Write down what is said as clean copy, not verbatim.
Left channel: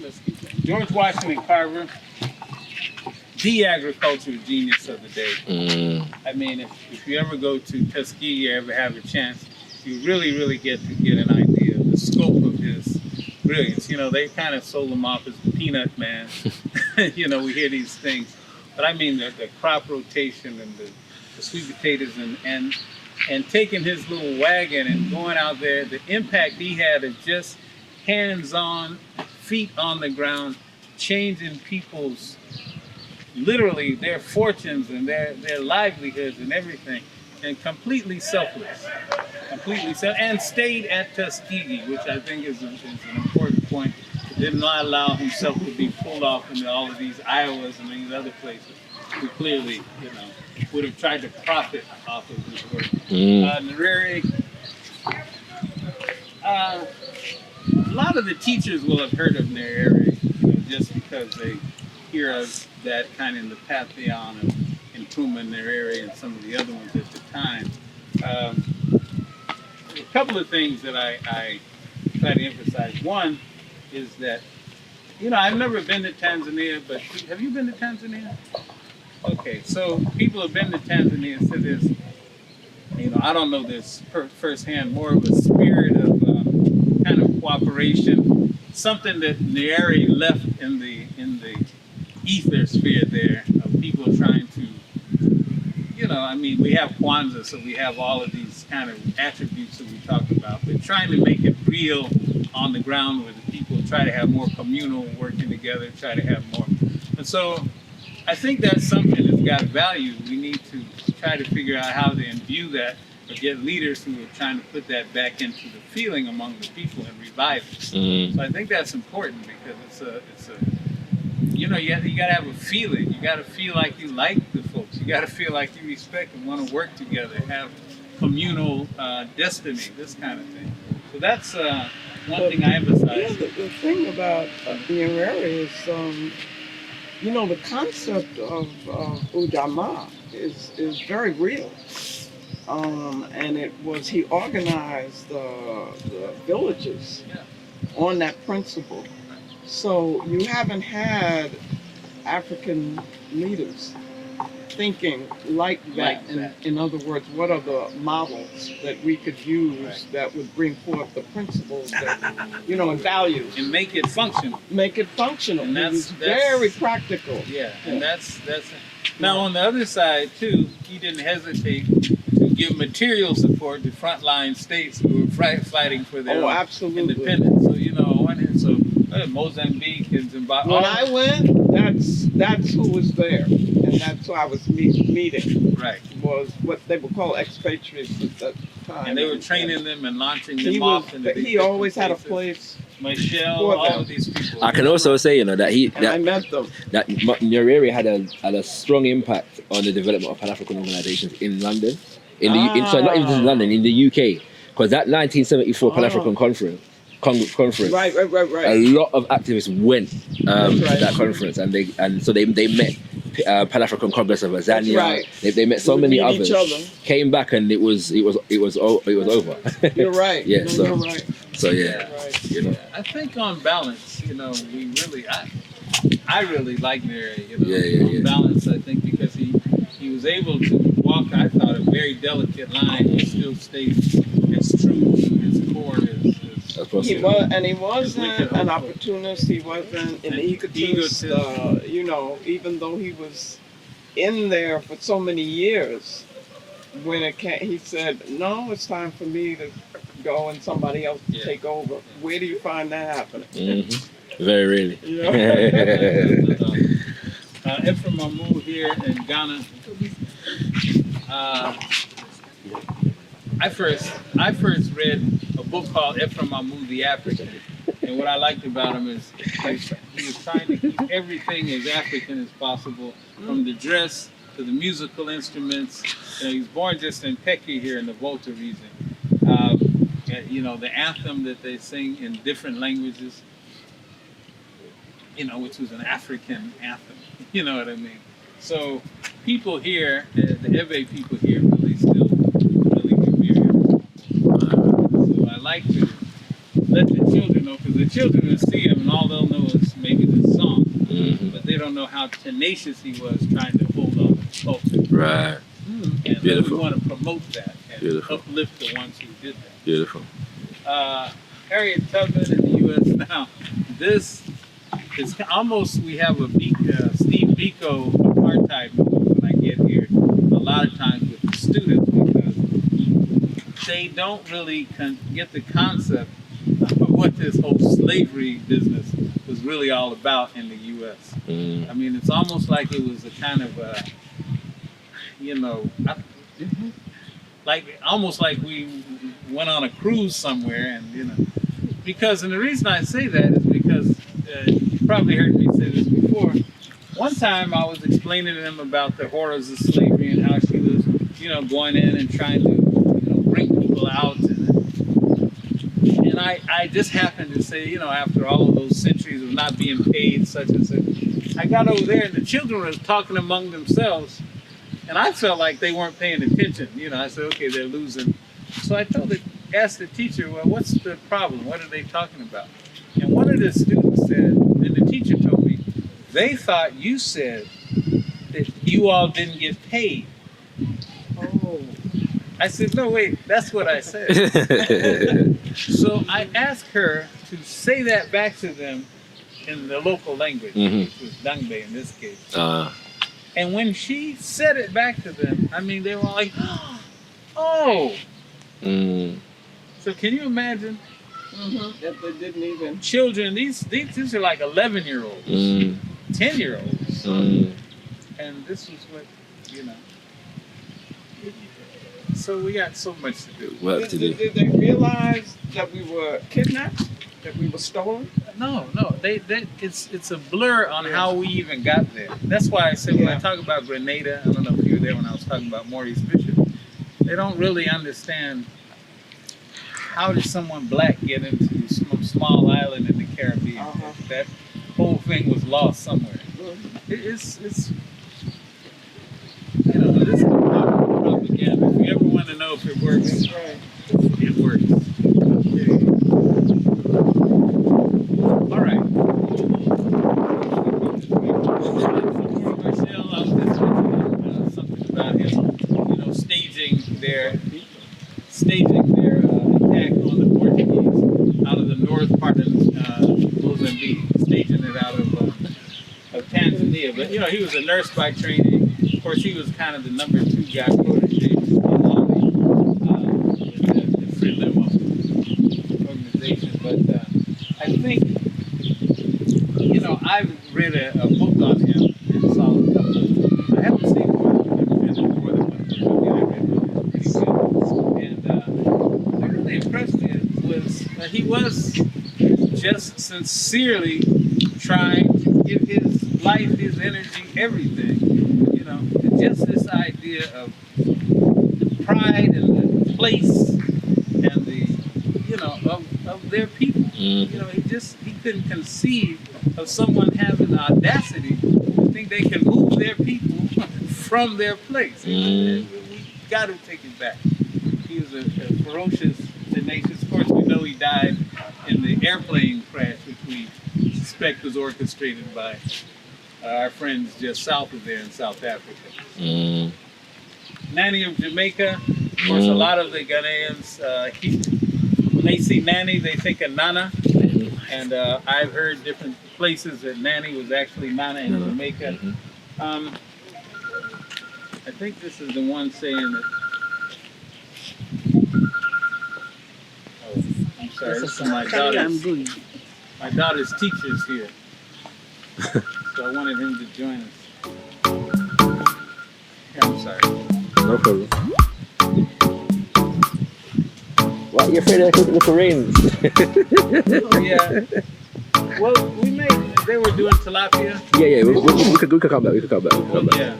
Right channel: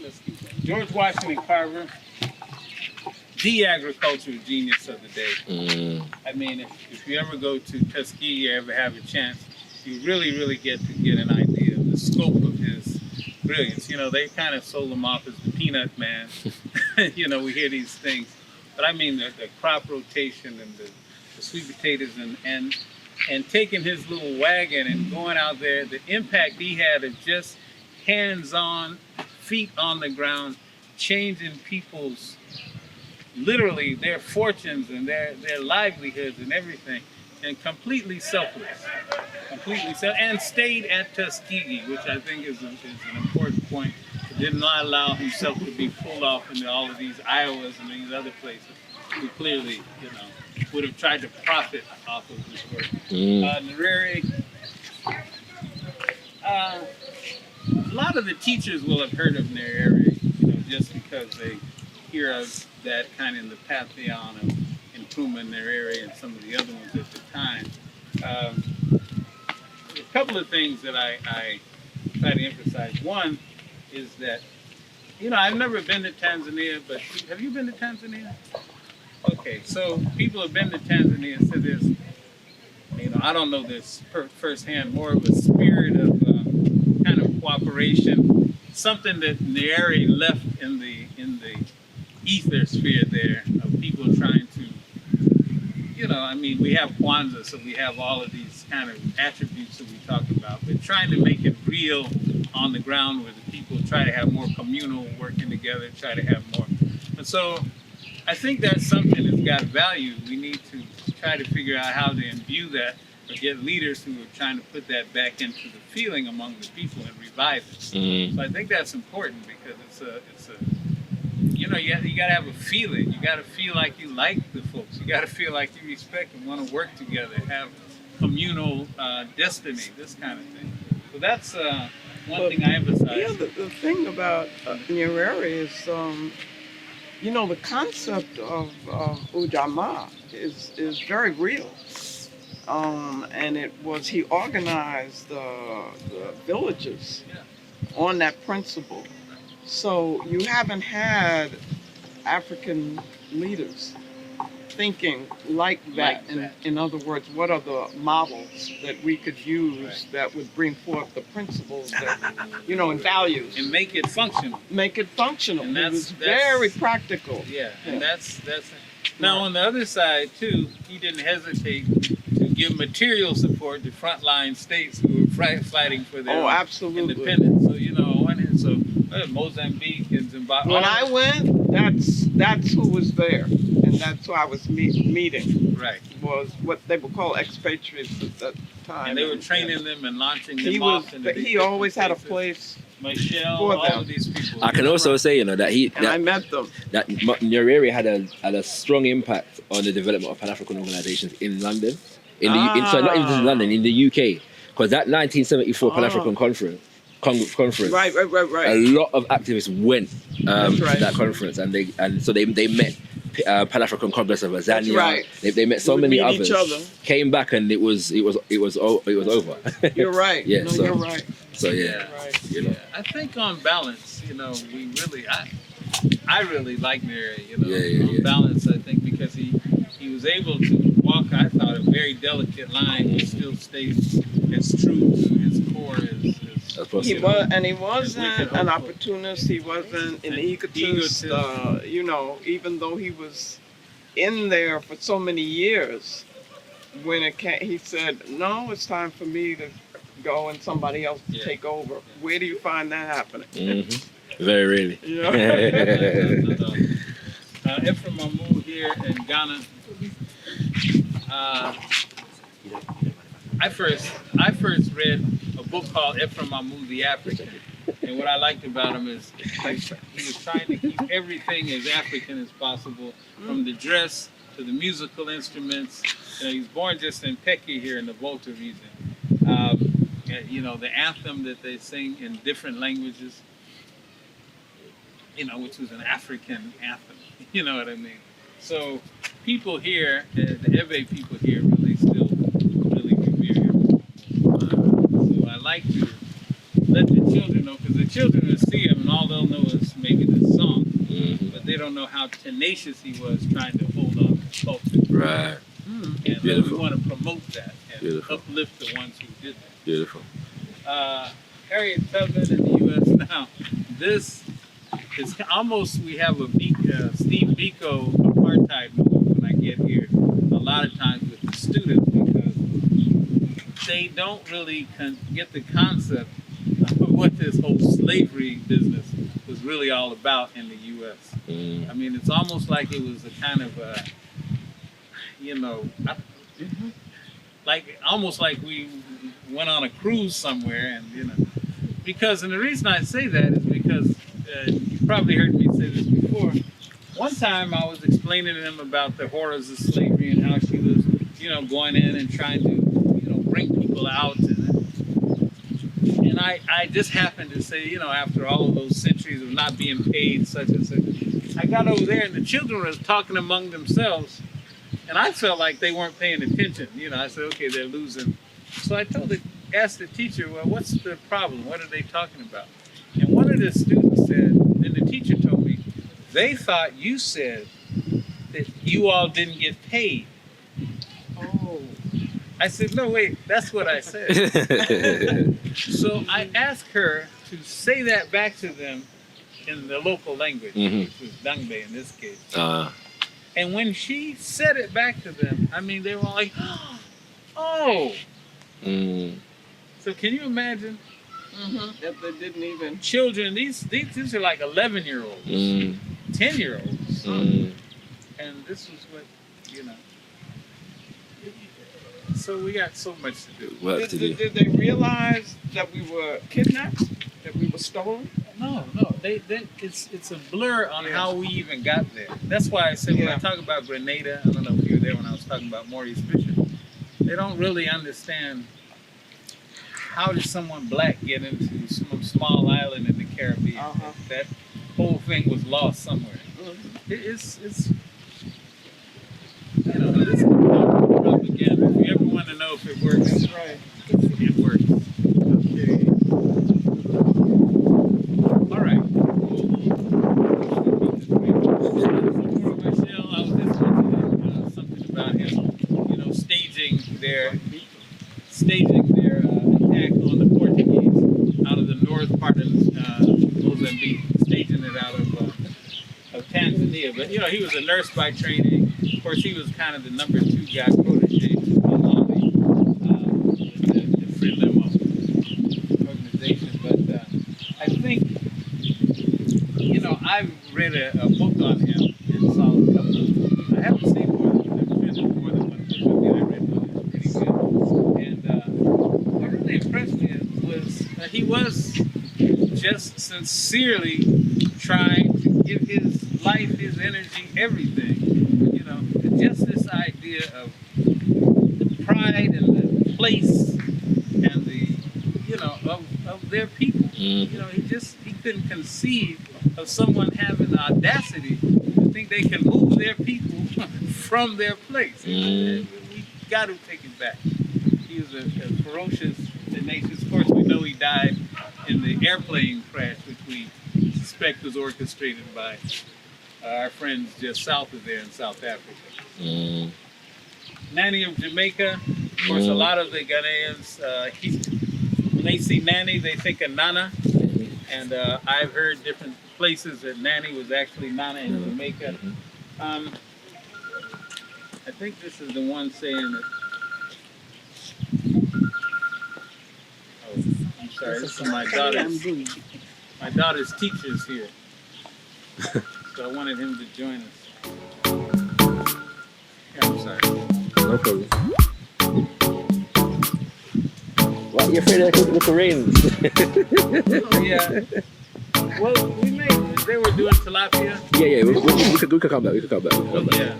let's keep going. George Washington Carver, the agricultural genius of the day. I mean, if you ever go to Tuskegee or ever have a chance, you really get to get an idea of the scope of his brilliance. You know, they kind of sold him off as the peanut man. You know, we hear these things. But I mean, the crop rotation and the sweet potatoes and taking his little wagon and going out there, the impact he had of just hands-on, feet on the ground, changing people's, literally their fortunes and their livelihoods and everything, and completely selfless, and stayed at Tuskegee, which I think is an important point. He did not allow himself to be pulled off into all of these Iowas and these other places who clearly, you know, would have tried to profit off of his work. Nyerere, a lot of the teachers will have heard of Nyerere, you know, just because they hear of that kind of in the pantheon of Nkrumah, Nyerere, and some of the other ones at the time. A couple of things that I try to emphasize. One is that, you know, I've never been to Tanzania, but have you been to Tanzania? Okay, so people have been to Tanzania and said there's, you know, I don't know this firsthand, more of a spirit of kind of cooperation, something that Nyerere left in the ether sphere there of people trying to, you know, I mean, we have Kwanzaa, so we have all of these kind of attributes that we talk about, but trying to make it real on the ground where the people try to have more communal working together, try to have more. And so I think that's something that's got value. We need to try to figure out how to imbue that or get leaders who are trying to put that back into the feeling among the people and revive it. So I think that's important because it's a you know, you got to have a feeling. You got to feel like you like the folks. You got to feel like you respect and want to work together, have communal destiny, this kind of thing. So that's one thing I emphasize. Yeah, the thing about Nyerere is, you know, the concept of Ujamaa is very real. And he organized the villages on that principle. So you haven't had African leaders thinking like that. In other words, what are the models that we could use that would bring forth the principles that, you know, and values? And make it functional. Make it functional. And that's very practical. Yeah, and that's now on the other side too, he didn't hesitate to give material support to frontline states who were fighting for their independence. So, you know, Mozambique and Zimbabwe. When I went, that's who was there, and that's who I was meeting. Right. Was what they would call expatriates at that time. And they were training them and launching them off. He always had a place. Michelle, all of these people. I can also say, you know, that I met them. That Nyerere had a strong impact on the development of Pan-African organizations in London, not even just in London, in the UK, because that 1974 Pan-African conference. Right. A lot of activists went to that conference, and so they met Pan-African Congress of Azania. Right. They met so many others. Came back and it was over. You're right. Yeah. No, you're right. So yeah. Right. You know. Yeah, I think on balance, you know, I really like Nyerere. You know, on balance, I think because he was able to walk, I thought, a very delicate line and still stay as true to his core as he wasn't an opportunist. He wasn't an egotist. You know, even though he was in there for so many years, when he said, "No, it's time for me to go and somebody else to take over." Where do you find that happening? Mm-hmm. Very rarely. You know? Ephraim Mamu here in Ghana. I first read a book called Ephraim Mamu the African, and what I liked about him is he was trying to keep everything as African as possible, from the dress to the musical instruments. You know, he was born just in Peki here in the Volta region. You know, the anthem that they sing in different languages, you know, which was an African anthem. You know what I mean? So people here, the Ewe people here, really still revere him. So I like to let the children know, because the children will see him and all they'll know is maybe this song, but they don't know how tenacious he was trying to hold on to the culture. Right. And Beautiful. we want to promote that and Beautiful. uplift the ones who did that. Beautiful. Harriet Tubman in the U.S. now. This is almost, we have a Steve Biko apartheid moment when I get here a lot of times with the students, because they don't really get the concept of what this whole slavery business was really all about in the U.S. I mean, it's almost like it was a kind of a, you know, like almost like we went on a cruise somewhere, and you know, because, and the reason I say that is because you probably heard me say this before. One time I was explaining to them about the horrors of slavery and how she was, you know, going in and trying to, you know, bring people out, and I just happened to say, you know, after all of those centuries of not being paid such and such, I got over there and the children were talking among themselves. And I felt like they weren't paying attention. You know, I said, okay, they're losing. So I asked the teacher, well, what's the problem? What are they talking about? And one of the students said, then the teacher told me, they thought you said that you all didn't get paid. Oh. I said, no, wait, that's what I said. So I asked her to say that back to them in the local language, which was Dangbe in this case. And when she said it back to them, I mean, they were like, oh. So can you imagine? That they didn't even. Children, these are like 11-year-olds, 10-year-olds. And this was what, you know. So we got so much to do. Work to do. Did they realize that we were kidnapped? That we were stolen? No. It's a blur on how we even got there. That's why I said when I talk about Grenada, I don't know if you were there when I was talking about Maurice Bishop, they don't really understand how did someone black get into some small island in the Caribbean. That whole thing was lost somewhere. It's you know, this is propaganda. If you ever want to know if it works, That's right. it works. Okay. All right. Michelle, I was just mentioning something about him, you know, staging their attack on the Portuguese out of the north part of Mozambique, staging it out of Tanzania. But you know, he was a nurse by training. Of course, he was kind of the number 2 guy protege to Malami with the Frelimo organization. But I think, you know, I've read a book on him and saw a couple of. I haven't seen more than one. I'm sure there's more than one book. I mean, I read one that's pretty good. And what really impressed me was that he was just sincerely trying to give his life, his energy, everything, you know, to just this idea of the pride and the place and the, you know, of their people. You know, he couldn't conceive of someone having the audacity to think they can move their people from their place. We got to take it back. He was a ferocious, tenacious. Of course, we know he died in the airplane crash, which we suspect was orchestrated by our friends just south of there in South Africa. Nani of Jamaica, of course, a lot of the Ghanaians, when they see Nani, they think of Nana. And I've heard different places that Nani was actually Nana in Jamaica. I think this is the one saying that. Oh, I'm sorry, this is my daughter's teacher's here. So I wanted him to join us. Yeah, I'm sorry. No problem. What, you're afraid of the rains? Yeah. Well, they were doing tilapia. Yeah, we could come back. Yeah.